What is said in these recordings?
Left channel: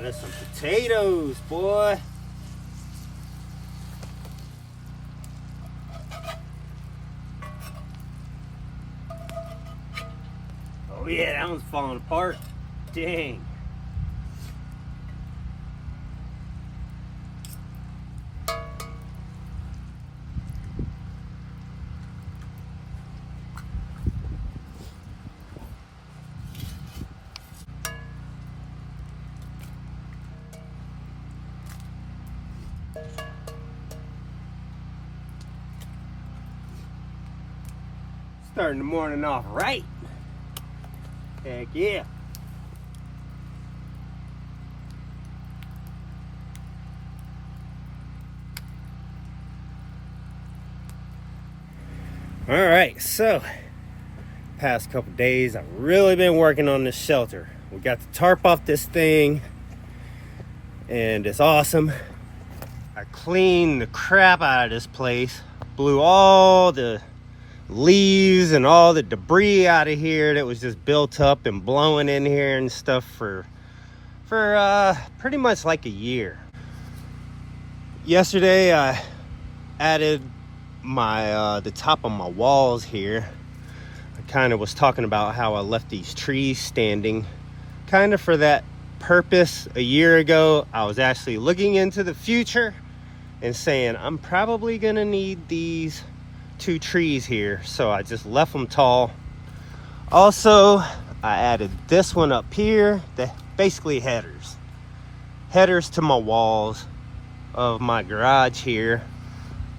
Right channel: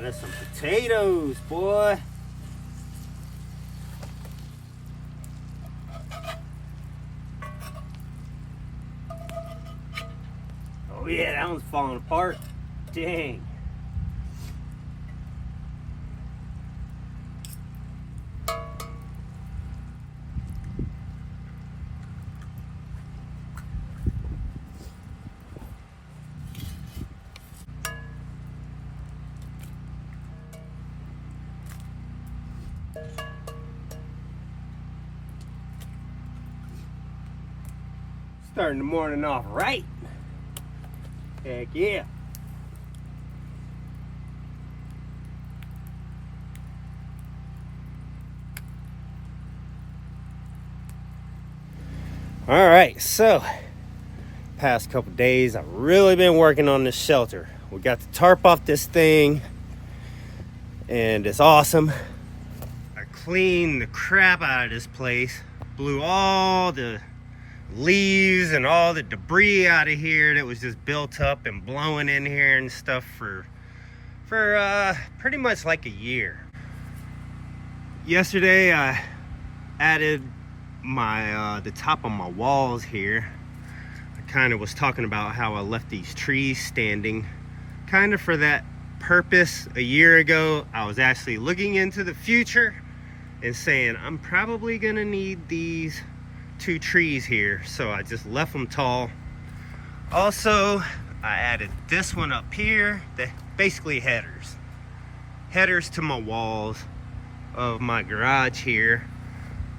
got us some potatoes, boy. Oh yeah, that one's falling apart. Dang. Starting the morning off right. Heck yeah. All right, so past couple days I've really been working on this shelter. We got the tarp off this thing and it's awesome. I cleaned the crap out of this place, blew all the leaves and all the debris out of here that was just built up and blowing in here and stuff for pretty much like a year. Yesterday I added my the top of my walls here. I kind of was talking about how I left these trees standing kind of for that purpose. A year ago I was actually looking into the future and saying I'm probably gonna need these 2 trees here, so I just left them tall. Also, I added this one up here, that basically headers to my walls of my garage here.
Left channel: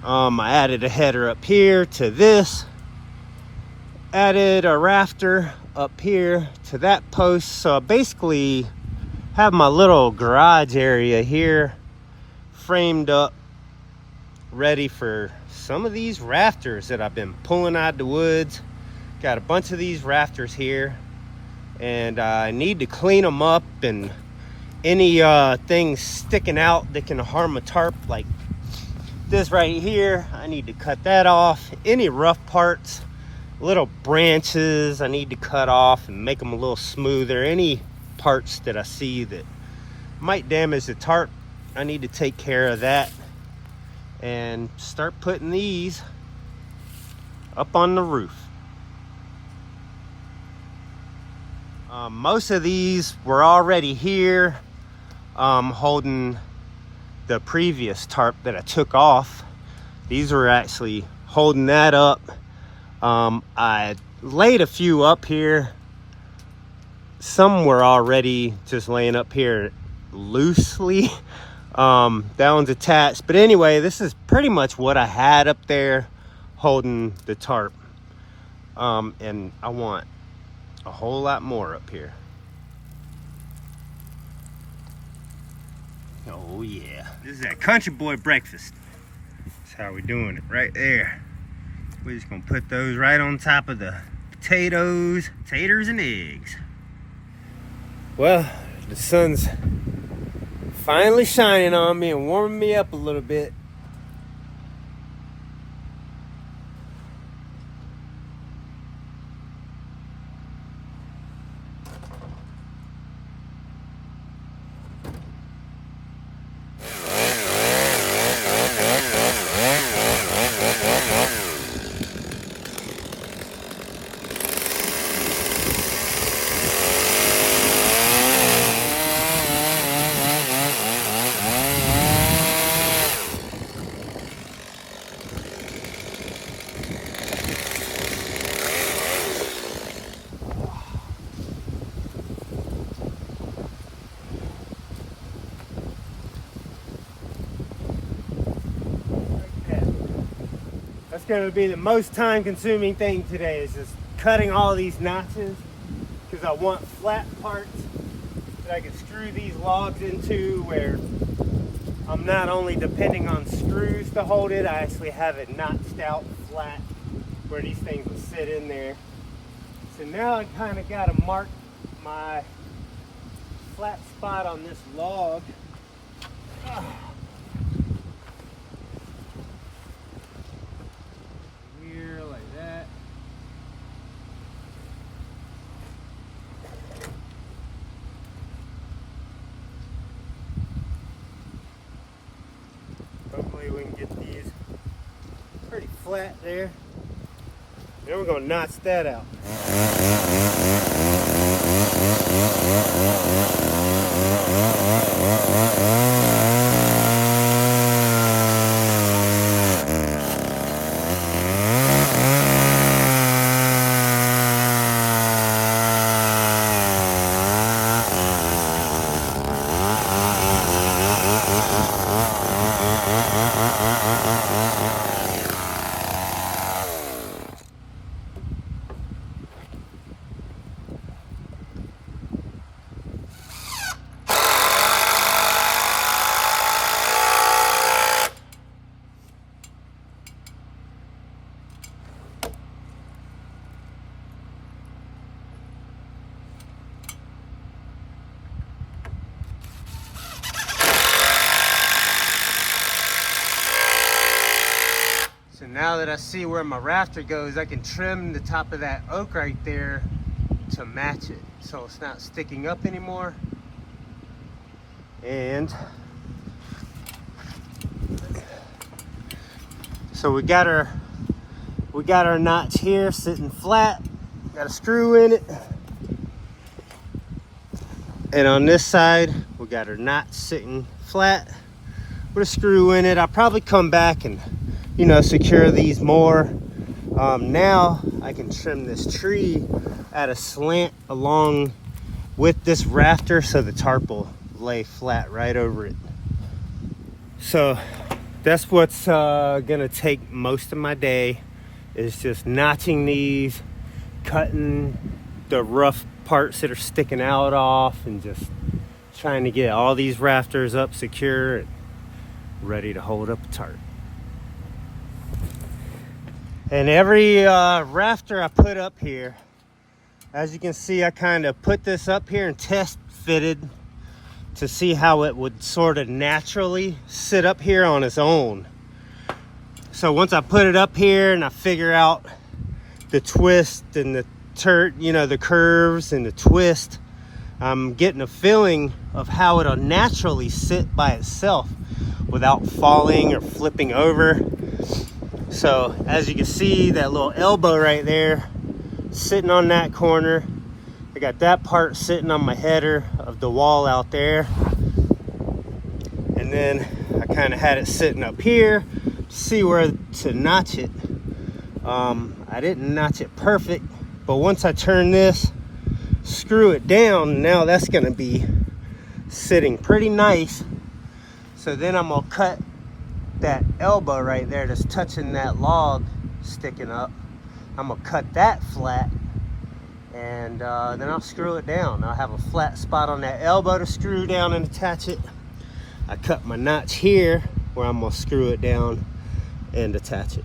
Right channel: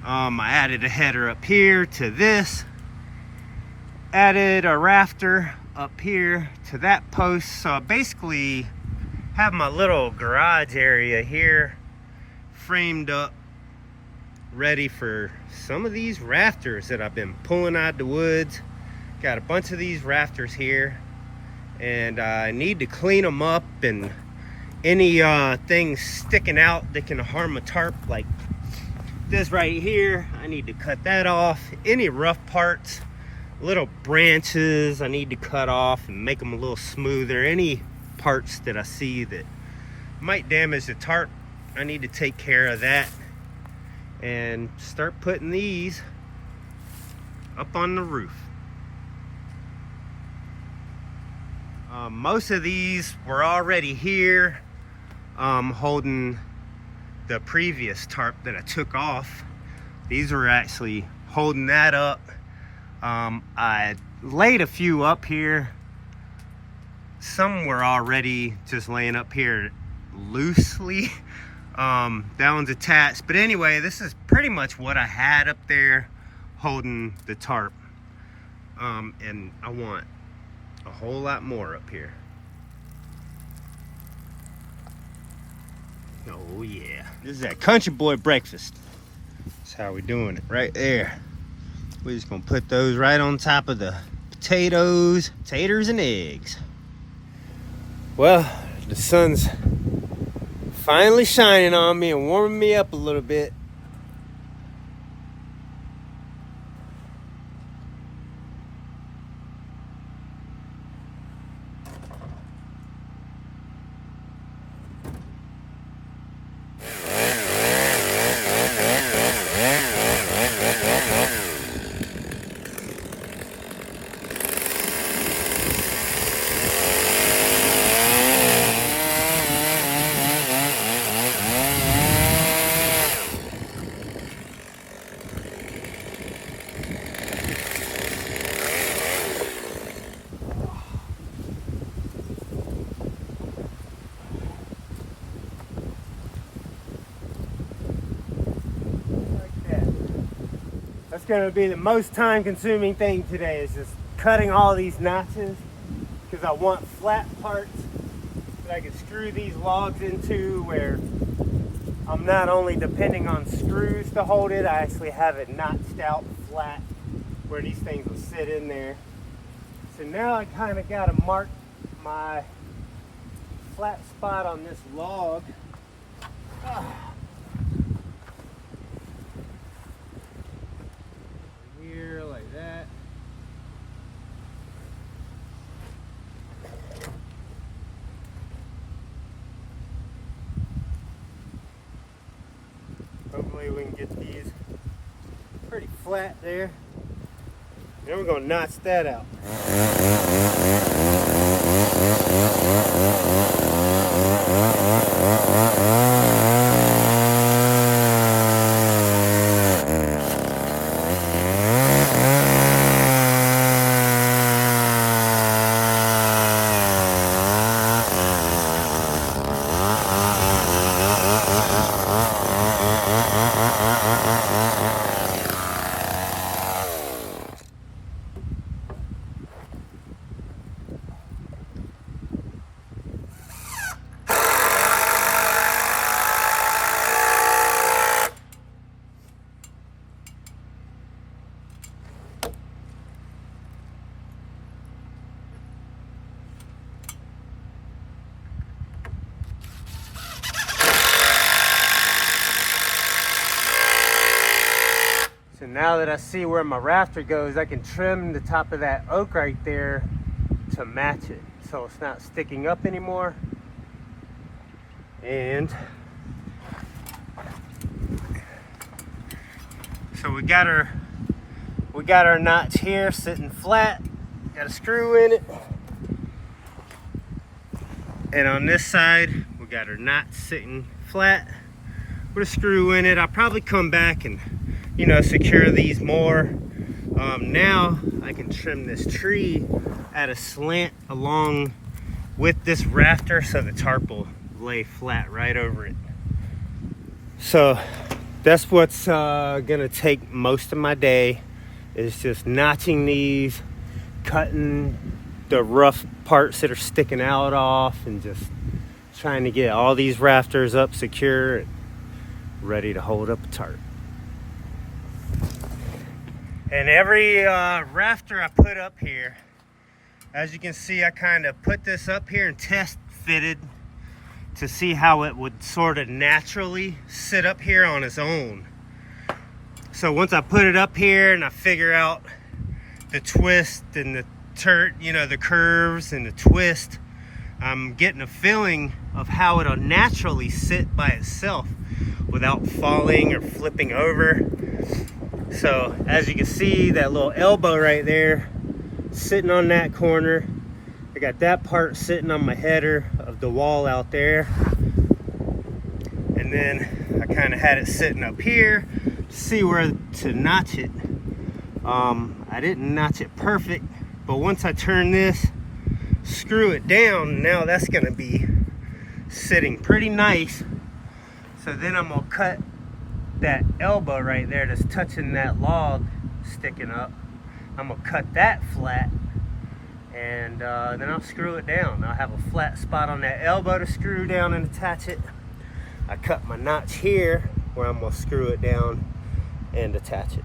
I added a header up here to this, added a rafter up here to that post, so I basically have my little garage area here framed up, ready for some of these rafters that I've been pulling out of the woods. Got a bunch of these rafters here and I need to clean them up, and any things sticking out that can harm a tarp like this right here, I need to cut that off. Any rough parts, little branches, I need to cut off and make them a little smoother. Any parts that I see that might damage the tarp, I need to take care of that and start putting these up on the roof. Most of these were already here, holding the previous tarp that I took off. These were actually holding that up. I laid a few up here. Some were already just laying up here loosely. That one's attached, but anyway, this is pretty much what I had up there holding the tarp, and I want a whole lot more up here. Oh yeah, this is that country boy breakfast. That's how we're doing it right there. We're just gonna put those right on top of the taters and eggs. Well, the sun's finally shining on me and warming me up a little bit. That's going to be the most time-consuming thing today, is just cutting all these notches, because I want flat parts that I can screw these logs into, where I'm not only depending on screws to hold it, I actually have it notched out flat where these things will sit in there. So now I kind of got to mark my flat spot on this log. Here, like that. Hopefully we can get these pretty flat there. Then we're gonna notch that out. So now that I see where my rafter goes, I can trim the top of that oak right there to match it, so it's not sticking up anymore. And so we got our notch here sitting flat. Got a screw in it. And on this side, we got our notch sitting flat with a screw in it. I'll probably come back and, you know, secure these more. Now I can trim this tree at a slant along with this rafter so the tarp will lay flat right over it. So that's what's gonna take most of my day, is just notching these, cutting the rough parts that are sticking out off, and just trying to get all these rafters up secure and ready to hold up a tarp. And every rafter I put up here, as you can see, I kind of put this up here and test fitted to see how it would sort of naturally sit up here on its own. So once I put it up here and I figure out the twist and the the curves and the twist, I'm getting a feeling of how it'll naturally sit by itself without falling or flipping over. So as you can see, that little elbow right there sitting on that corner, I got that part sitting on my header of the wall out there, and then I kind of had it sitting up here to see where to notch it. I didn't notch it perfect, but once I turn this, screw it down, now that's going to be sitting pretty nice. So then I'm going to cut that elbow right there that's touching that log sticking up. I'm going to cut that flat, and then I'll screw it down. I'll have a flat spot on that elbow to screw down and attach it. I cut my notch here where I'm going to screw it down and attach it.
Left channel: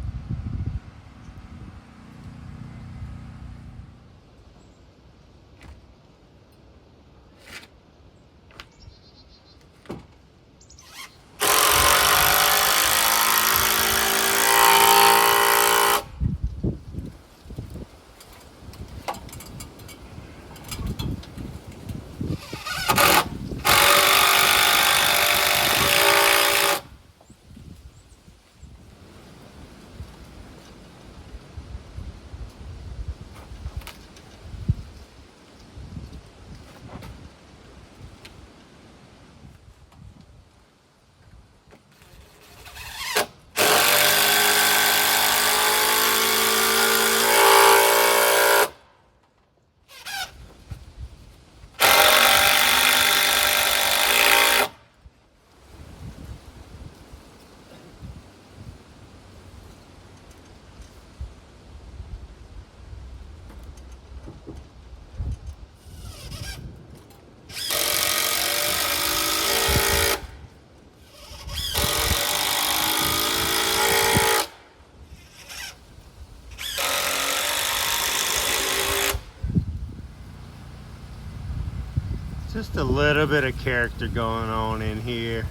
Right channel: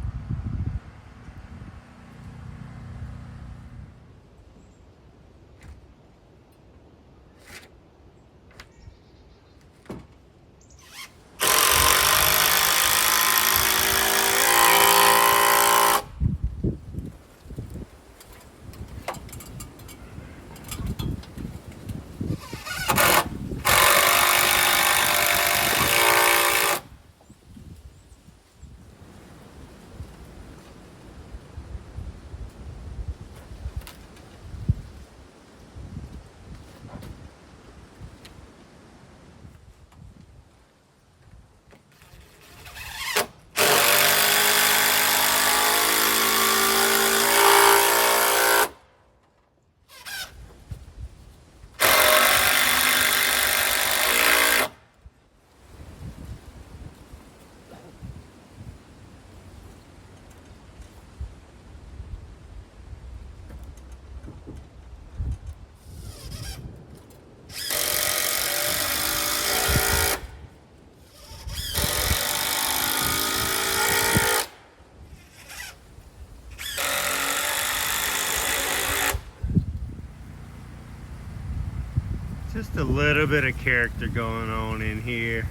Just a little bit of character going on in here.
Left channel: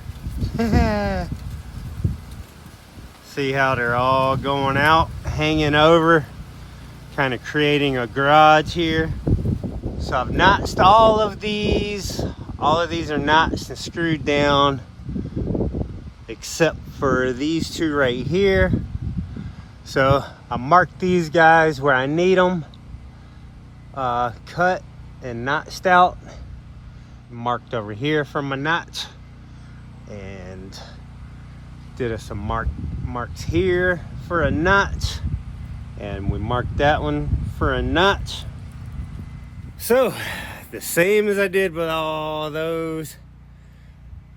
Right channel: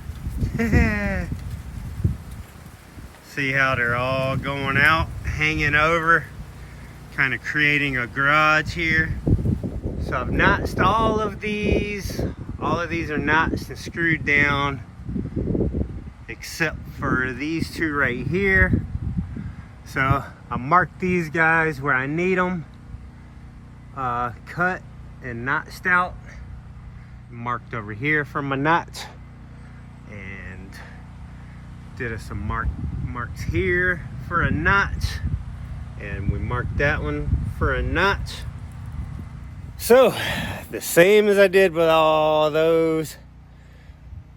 See how they're all going out, hanging over, kind of creating a garage here. So I've notched all of these. All of these are notched and screwed down, except for these two right here. So I marked these guys where I need them, cut and notched out. Marked over here for my notch, and did some marks here for a notch, and we marked that one for a notch. So the same as I did with all those,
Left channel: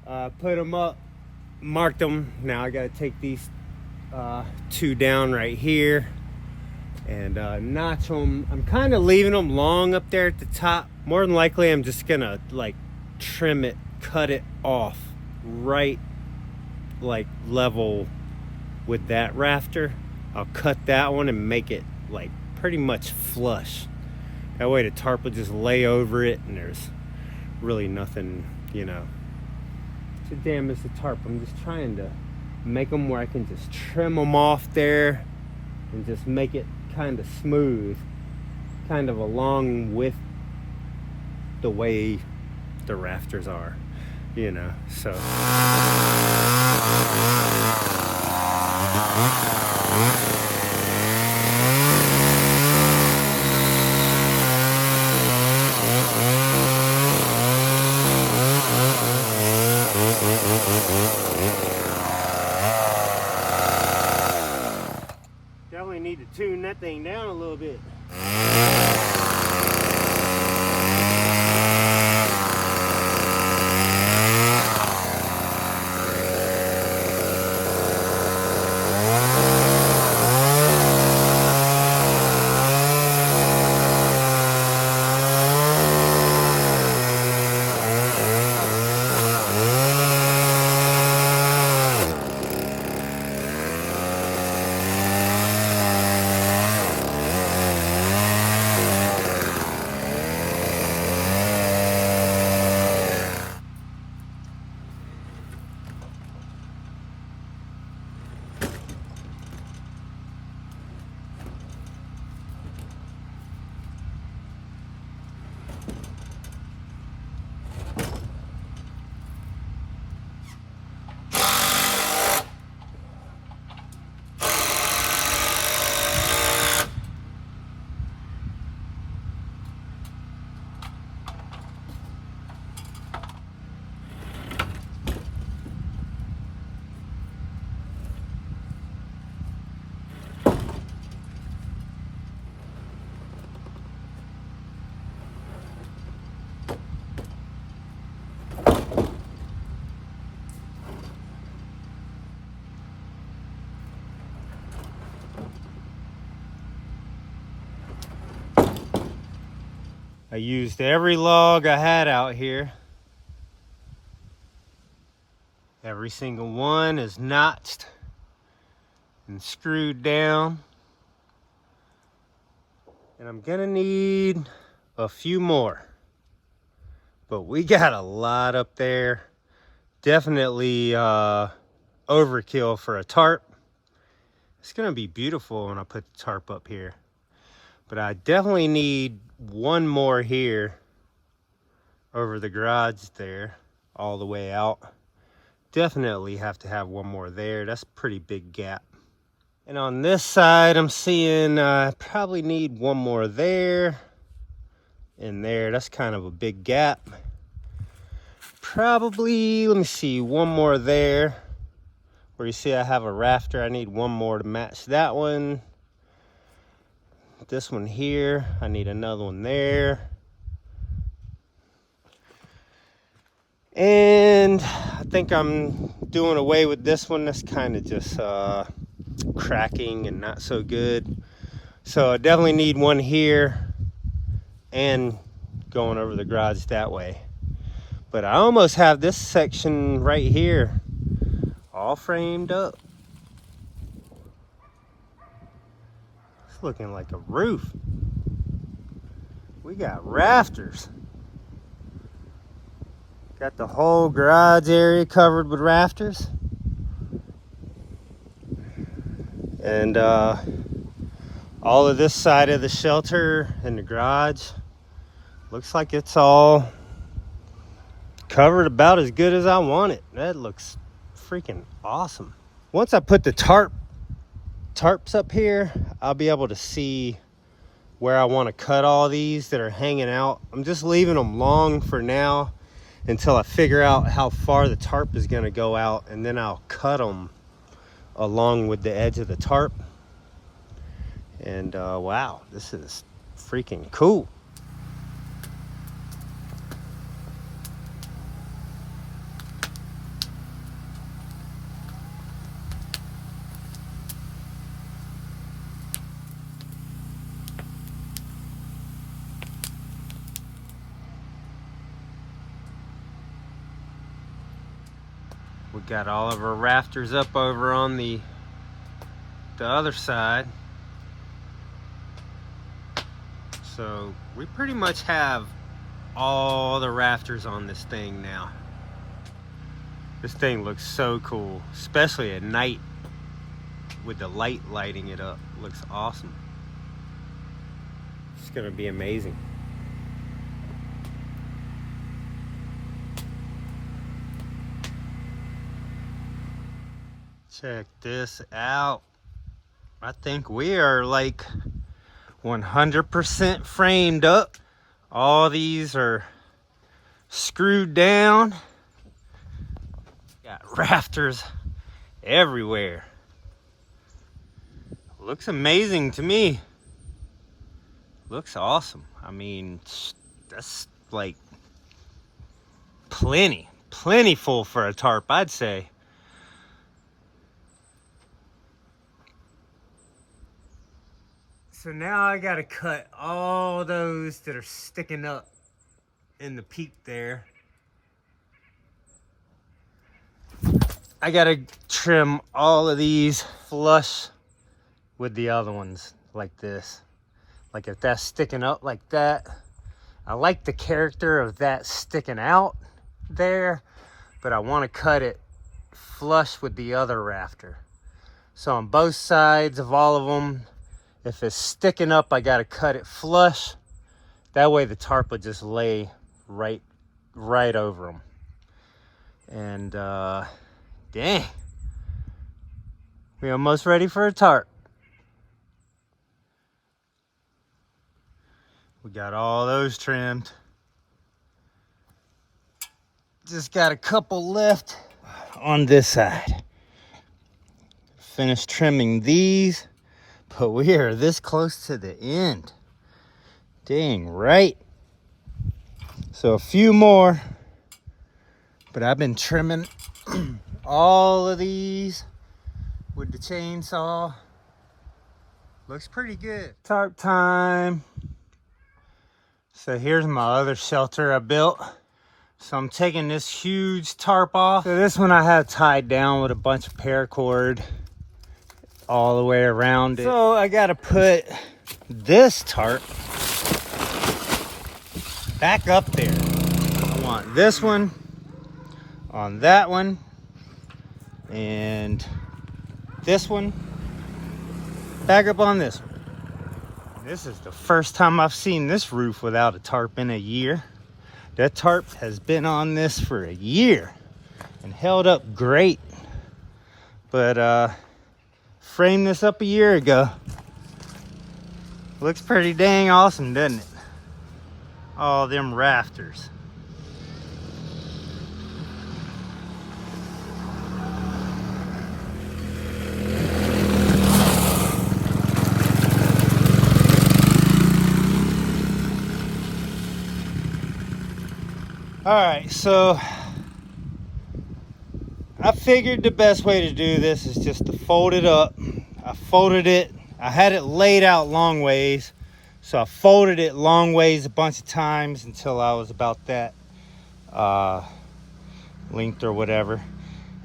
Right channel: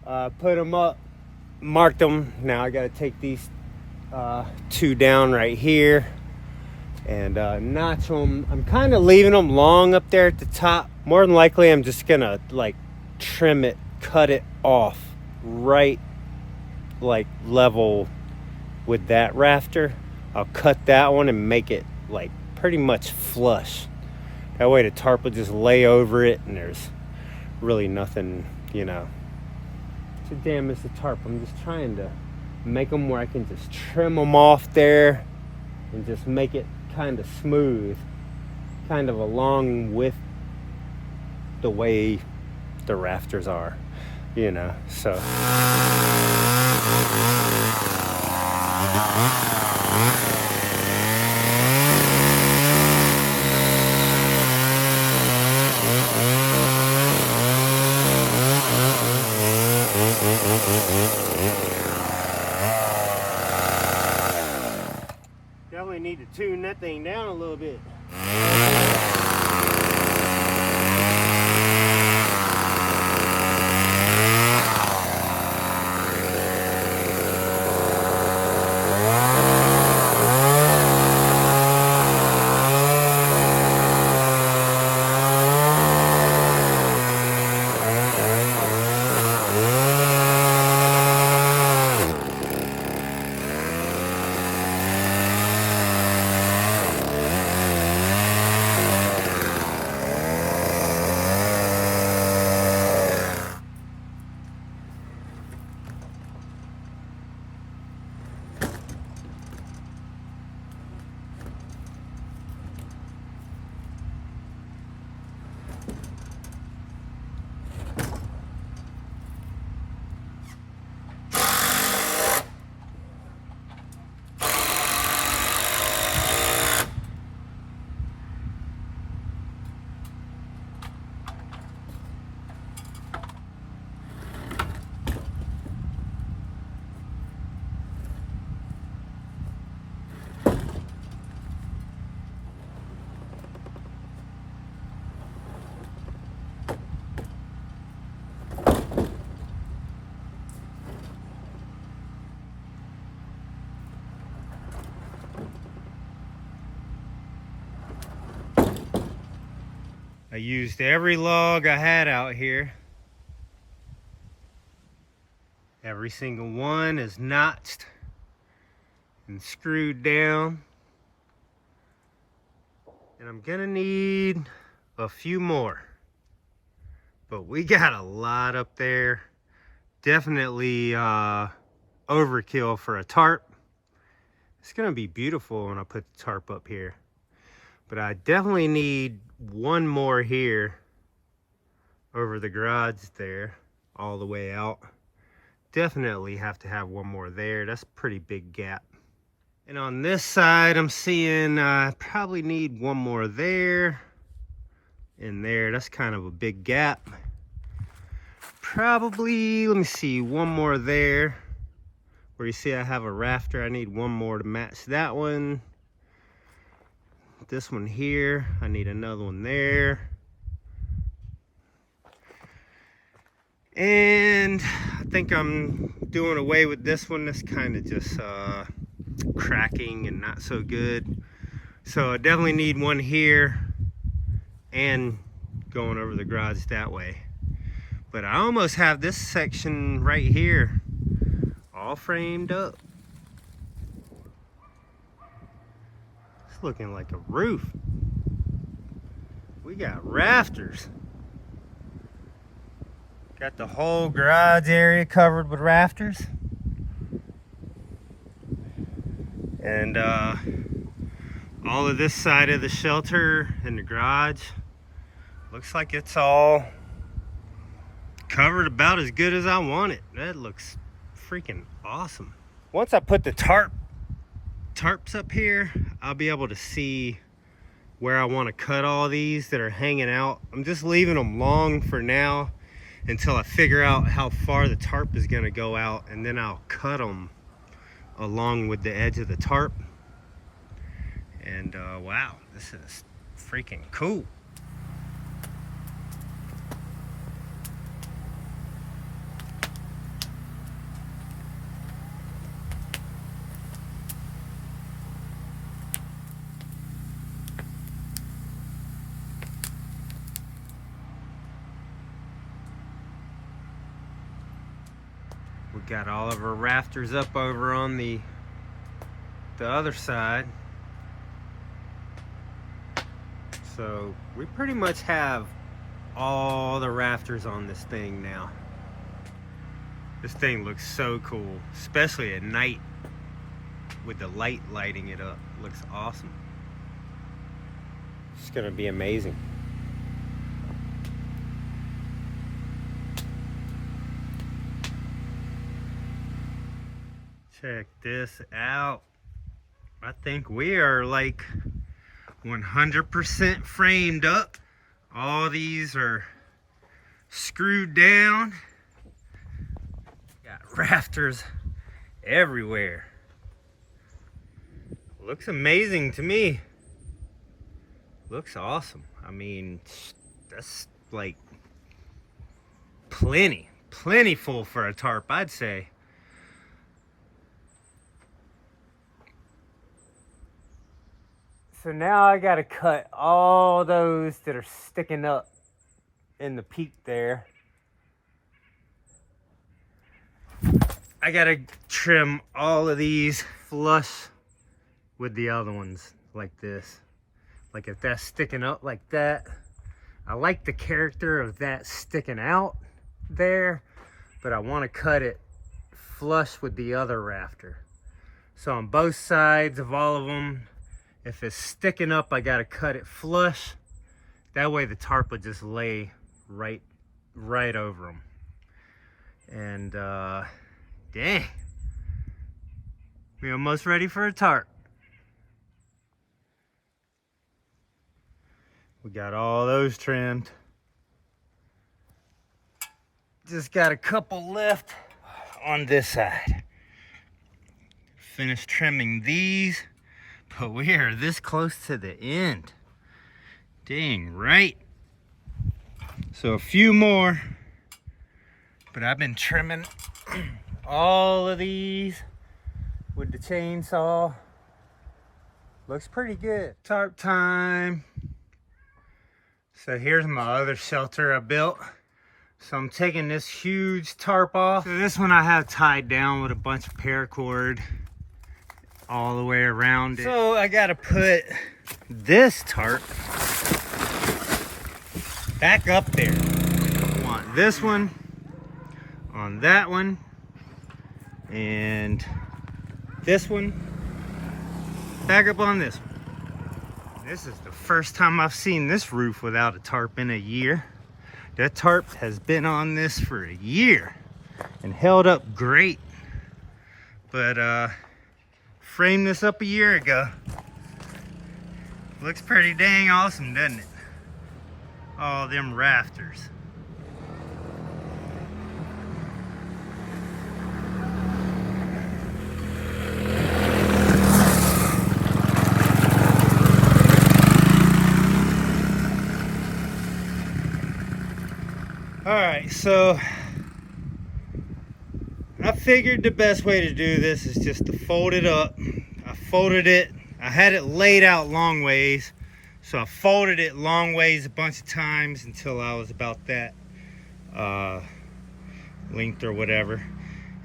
put them up, marked them. Now I got to take these two down right here and notch them. I'm kind of leaving them long up there at the top. More than likely I'm just gonna like trim it, cut it off right like level with that rafter. I'll cut that one and make it like pretty much flush. That way the tarp will just lay over it and there's really nothing, you know, to damage the tarp. I'm just trying to make them where I can just trim them off there and just make it kind of smooth, kind of along with the way the rafters are, you know. So definitely need to tune that thing down a little bit. I used every log I had out here. Every single one is notched and screwed down. And I'm gonna need a few more. But we got a lot up there. Definitely overkill for a tarp. It's gonna be beautiful when I put the tarp up here. But I definitely need one more here over the garage there, all the way out. Definitely have to have one more there. That's a pretty big gap. And on this side, I'm seeing probably need one more there and there. That's kind of a big gap. Probably, let me see, one more there. Where you see I have a rafter, I need one more to match that one. This one here, I need another one there. And I think I'm doing away with this one. That's kind of just cracking and not so good. So I definitely need one here and going over the garage that way. But I almost have this section right here all framed up. It's looking like a roof. We got rafters. Got the whole garage area covered with rafters. And all of this side of the shelter and the garage looks like it's all covered about as good as I want it. That looks freaking awesome. once I put the tarps up here, I'll be able to see where I want to cut all these that are hanging out. I'm just leaving them long for now until I figure out how far the tarp is going to go out, and then I'll cut them along with the edge of the tarp. And wow, this is freaking cool. We got all of our rafters up over on the other side. So we pretty much have all the rafters on this thing now. This thing looks so cool, especially at night with the light lighting it up. Looks awesome. It's gonna be amazing. Check this out. I think we are like 100% framed up. All these are screwed down. Got rafters everywhere. Looks amazing to me. Looks awesome. I mean, that's like plentiful for a tarp, I'd say. So now I gotta cut all those that are sticking up in the peak there. I gotta trim all of these flush with the other ones like this. Like if that's sticking up like that, I like the character of that sticking out there, but I wanna cut it flush with the other rafter. So on both sides of all of them, if it's sticking up, I gotta cut it flush. That way the tarp would just lay right over them. And dang, we're almost ready for a tarp. We got all those trimmed. Just got a couple left on this side. Finished trimming these. But we are this close to the end. Dang right. So a few more. But I've been trimming all of these with the chainsaw. Looks pretty good. Tarp time. So here's my other shelter I built. So I'm taking this huge tarp off. So this one I have tied down with a bunch of paracord all the way around it. So I gotta put this tarp back up there. I want this one on that one and this one back up on this one. This is the first time I've seen this roof without a tarp in a year. That tarp has been on this for a year and held up great. But framed this up a year ago. Looks pretty dang awesome, doesn't it? All them rafters. All right, so I figured the best way to do this is just to fold it up. I folded it. I had it laid out long ways, so I folded it long ways a bunch of times until I was about that length or whatever.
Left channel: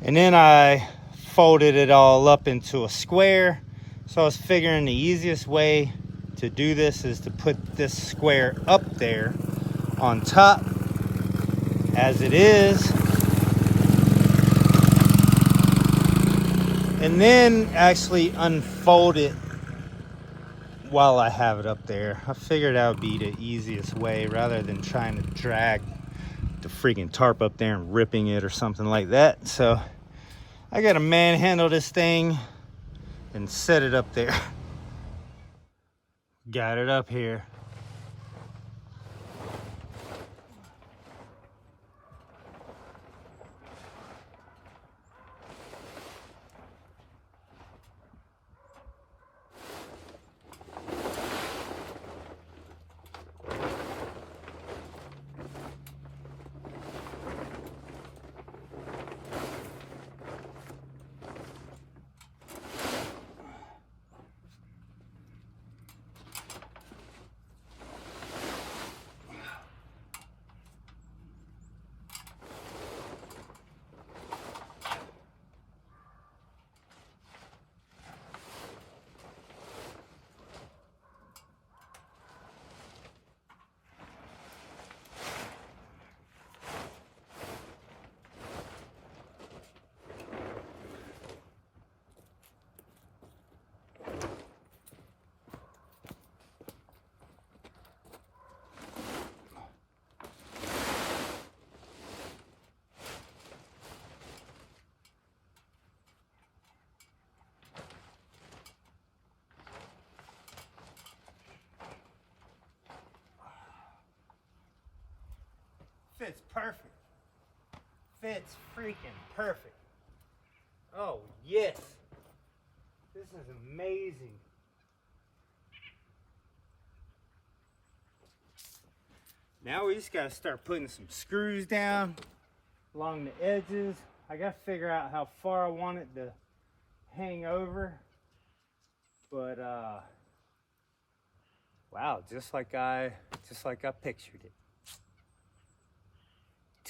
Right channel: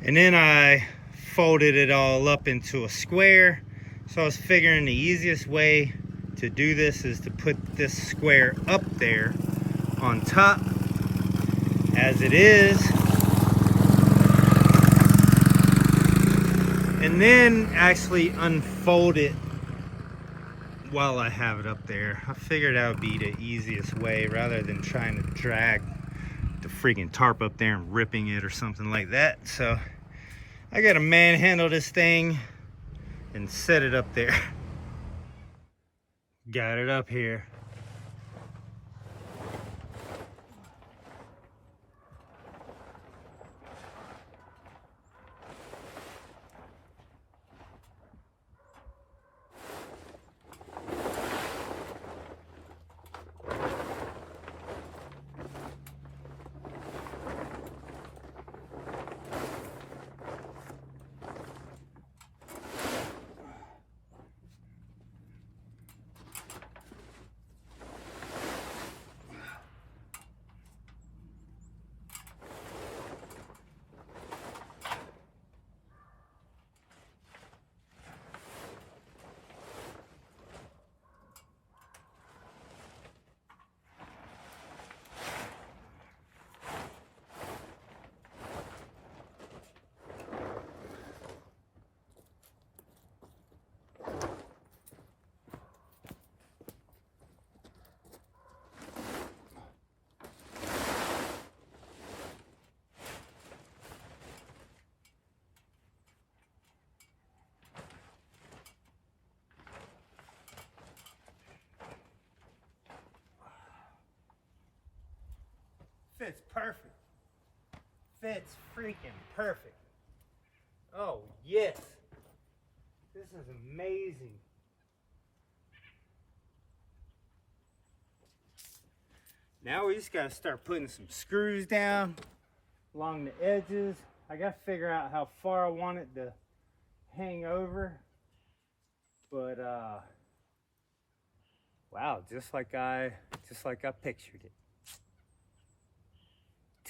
And then I folded it all up into a square. So I was figuring the easiest way to do this is to put this square up there on top as it is. And then actually unfold it while I have it up there. I figured that would be the easiest way rather than trying to drag the freaking tarp up there and ripping it or something like that. So I gotta manhandle this thing and set it up there. Got it up here. Fits perfect. Fits freaking perfect. Oh, yes. This is amazing. Now we just got to start putting some screws down along the edges. I got to figure out how far I want it to hang over. But, wow, just like I pictured it.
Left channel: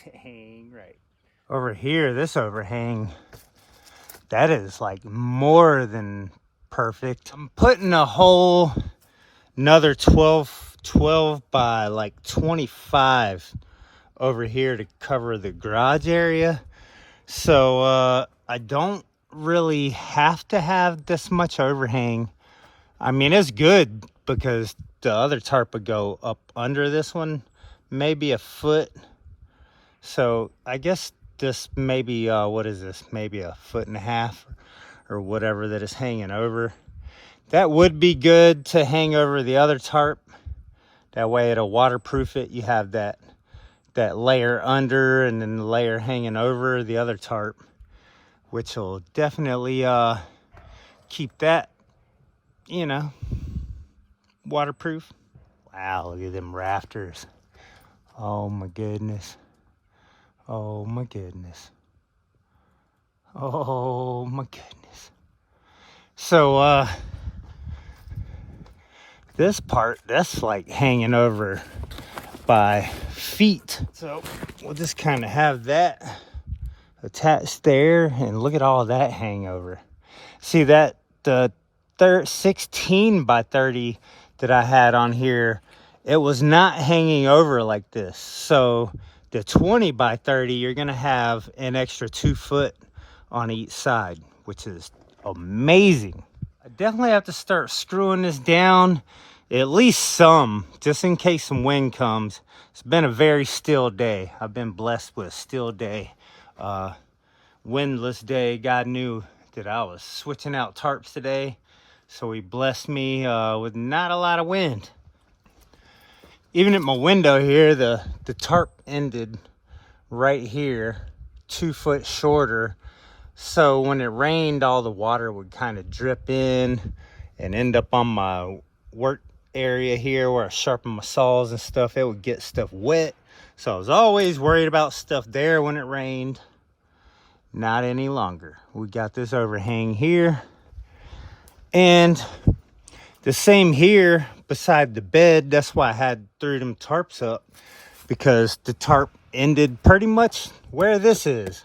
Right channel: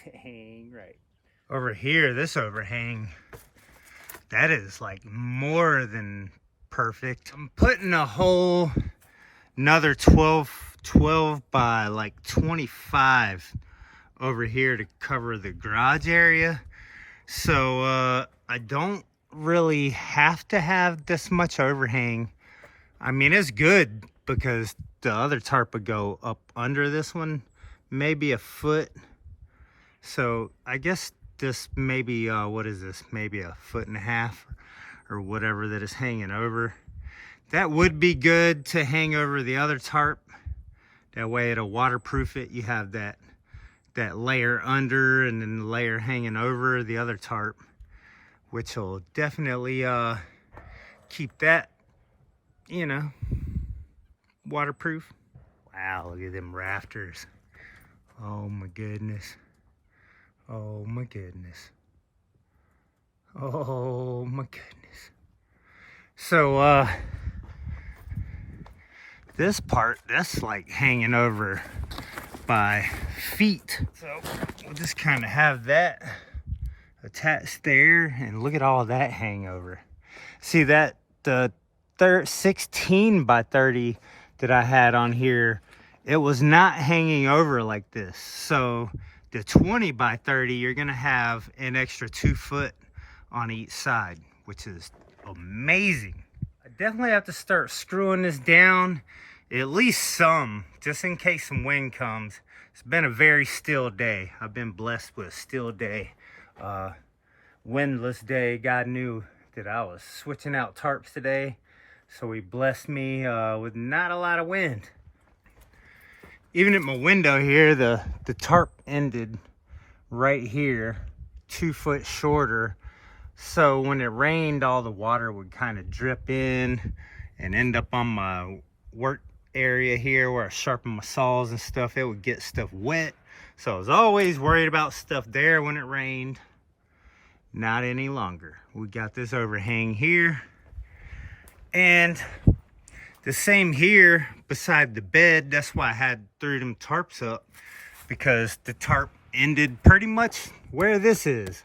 Dang right. Over here, this overhang, that is like more than perfect. I'm putting a hole, another 12 by like 25 over here to cover the garage area. So I don't really have to have this much overhang. I mean, it's good because the other tarp would go up under this one, maybe a foot. So I guess this maybe, what is this? Maybe a 1.5 feet or whatever that is hanging over. That would be good to hang over the other tarp. That way it'll waterproof it. You have that layer under and then the layer hanging over the other tarp, which will definitely keep that, you know, waterproof. Wow, look at them rafters. Oh my goodness. Oh my goodness. Oh my goodness. So this part, that's like hanging over by feet. So we'll just kind of have that attached there, and look at all that hangover. See that the 16 by 30 that I had on here, it was not hanging over like this. So the 20 by 30, you're gonna have an extra 2 foot on each side, which is amazing. I definitely have to start screwing this down, at least some, just in case some wind comes. It's been a very still day. I've been blessed with a still day, windless day. God knew that I was switching out tarps today, so he blessed me with not a lot of wind. Even at my window here, the tarp ended right here, 2 foot shorter. So when it rained, all the water would kind of drip in and end up on my work area here where I sharpen my saws and stuff. It would get stuff wet. So I was always worried about stuff there when it rained. Not any longer. We got this overhang here. And the same here beside the bed. That's why I had threw them tarps up, because the tarp ended pretty much where this is.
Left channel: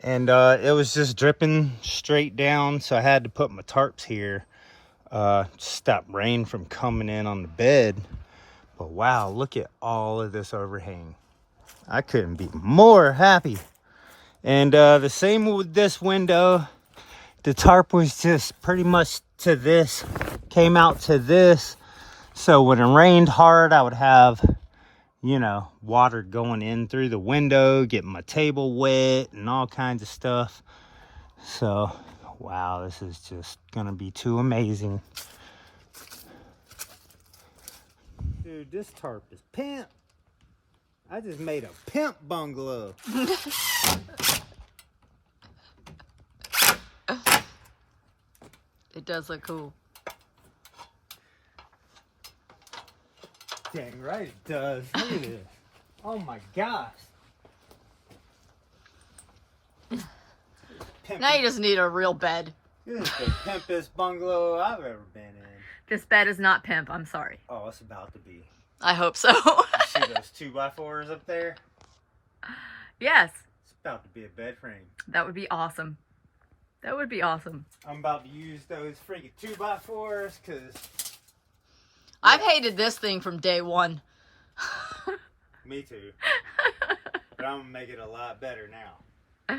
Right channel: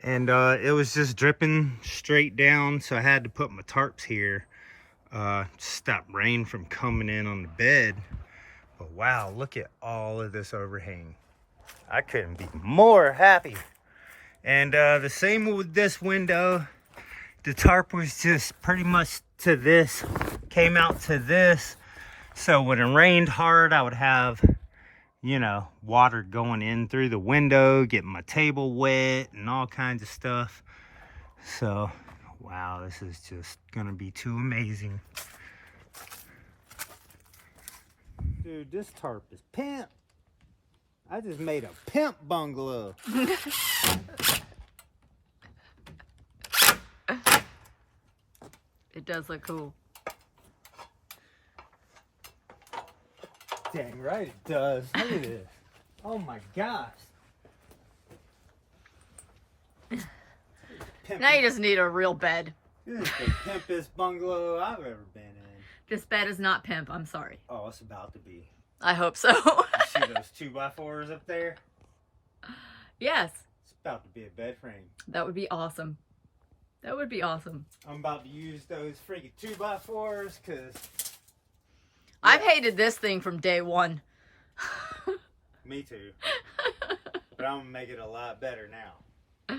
And it was just dripping straight down. So I had to put my tarps here to stop rain from coming in on the bed. But wow, look at all of this overhang. I couldn't be more happy. And the same with this window. The tarp was just pretty much to this, came out to this. So when it rained hard, I would have, you know, water going in through the window, getting my table wet and all kinds of stuff. So, wow, this is just gonna be too amazing. Dude, this tarp is pimp. I just made a pimp bungalow. It does look cool. Dang right it does. Look at this. Oh my gosh. Now you just need a real bed. This is the pimpest bungalow I've ever been in. This bed is not pimp, I'm sorry. Oh, it's about to be. I hope so. You see those 2x4s up there? Yes. It's about to be a bed frame. That would be awesome. That would be awesome. I'm about to use those freaking 2x4s because... I've hated this thing from day one. Me too. But I'm going to make it a lot better now.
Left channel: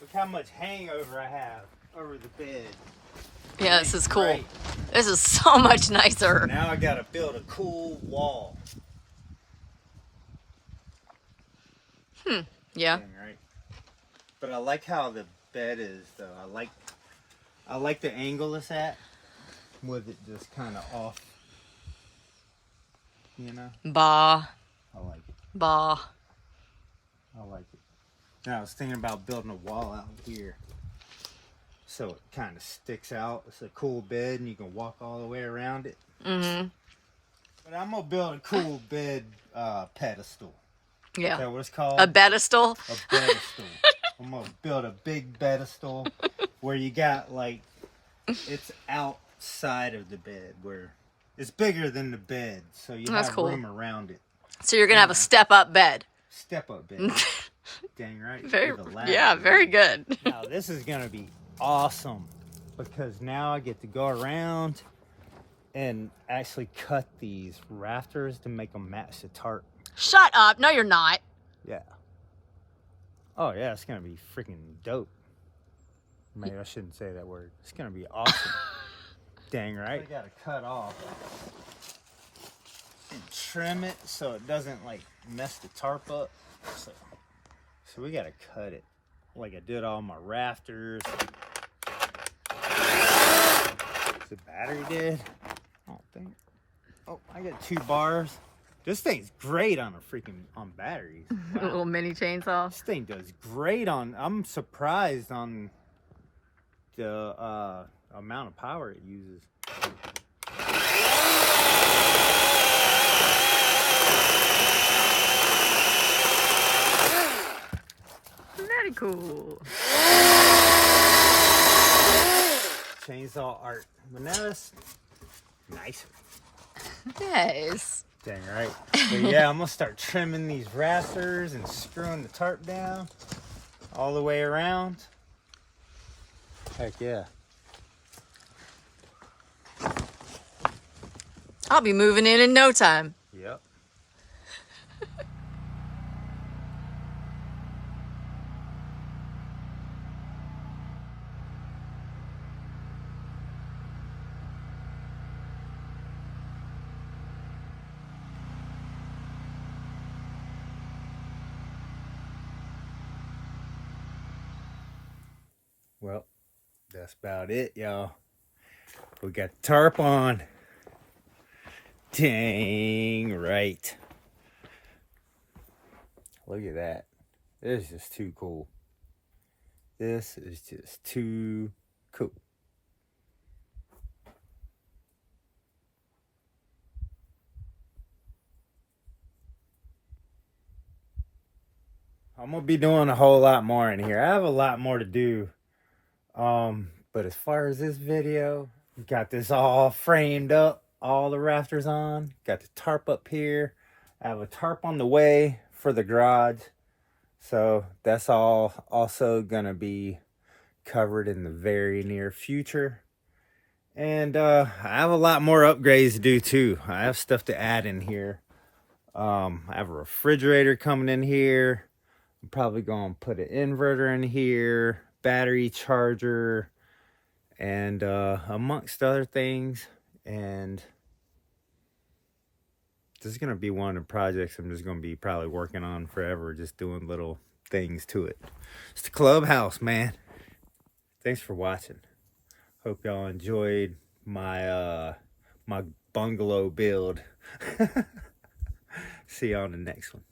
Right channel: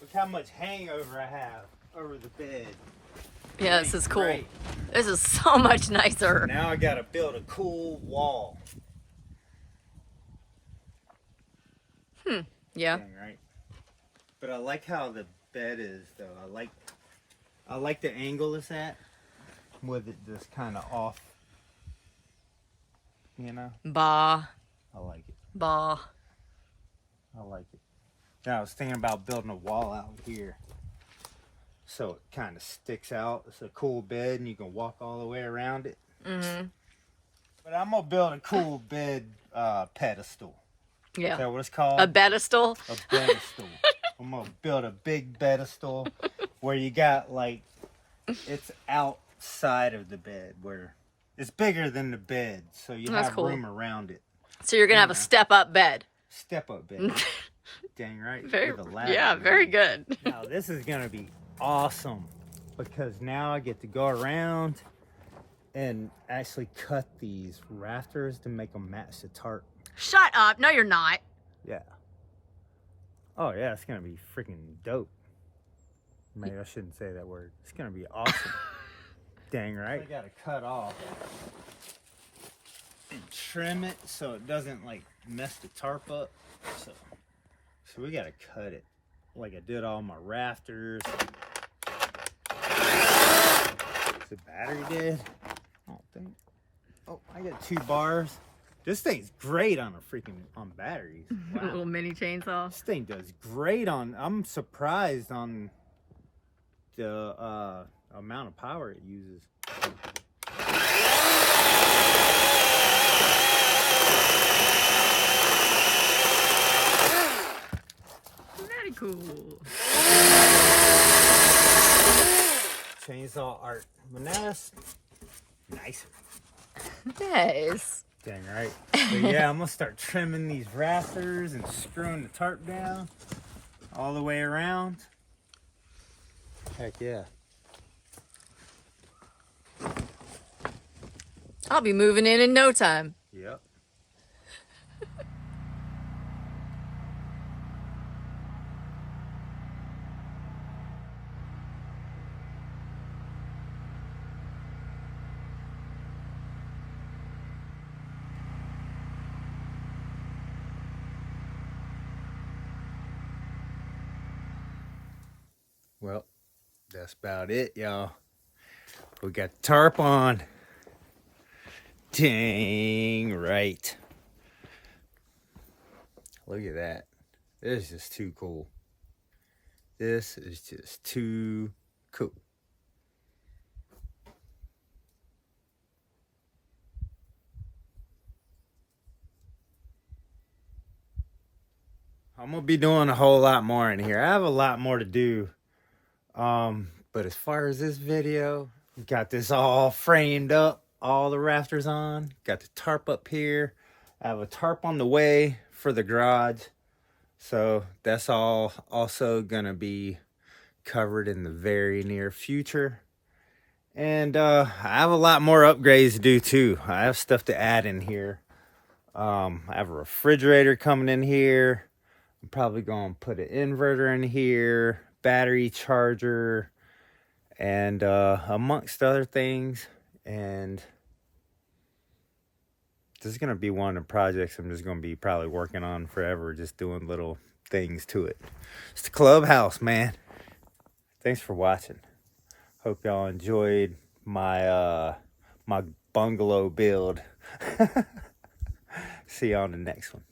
Look how much hangover I have over the bed. Yeah, this is cool. Great. This is so much nicer. Now I got to build a cool wall. Yeah. Dang, right. But I like how the bed is though. I like the angle it's at with it just kind of off. You know? Bah. I like it. Bah. I like it. Now I was thinking about building a wall out here. So it kind of sticks out. It's a cool bed and you can walk all the way around it. Mm-hmm. But I'm going to build a cool bed pedestal. Yeah. Is that what it's called? A pedestal? A pedestal. I'm going to build a big pedestal where you got like, it's outside of the bed where it's bigger than the bed. So you That's have cool. room around it. So you're going to have a step-up bed. Step-up bed. Dang right. Very, With a ladder. yeah, very good. Now this is going to be awesome because now I get to go around and actually cut these rafters to make them match the tarp. Shut up. No, you're not. Yeah. Oh yeah, it's gonna be freaking dope. Maybe I shouldn't say that word. It's gonna be awesome. Dang right. I gotta cut off and trim it so it doesn't like mess the tarp up. So we gotta cut it like I did all my rafters. Is the battery dead? I don't think. Oh, I got 2 bars. This thing's great on on batteries. Wow. A little mini chainsaw. This thing does great on. I'm surprised on the amount of power it uses. Very cool. Chainsaw art, but now that's nicer. Yes. Dang right. But yeah, I'm gonna start trimming these rafters and screwing the tarp down all the way around. Heck yeah. I'll be moving in no time. Yep. Well, that's about it, y'all. We got the tarp on. Dang right. Look at that. This is just too cool. This is just too cool. I'm gonna be doing a whole lot more in here. I have a lot more to do. But as far as this video, got this all framed up, all the rafters on, got the tarp up here. I have a tarp on the way for the garage. So that's all also gonna be covered in the very near future. And I have a lot more upgrades to do too. I have stuff to add in here. I have a refrigerator coming in here. I'm probably gonna put an inverter in here, battery charger, and amongst other things. And this is gonna be one of the projects I'm just gonna be probably working on forever, just doing little things to it. It's the clubhouse, man. thanks for watching. Hope y'all enjoyed my my bungalow build. See you on the next one.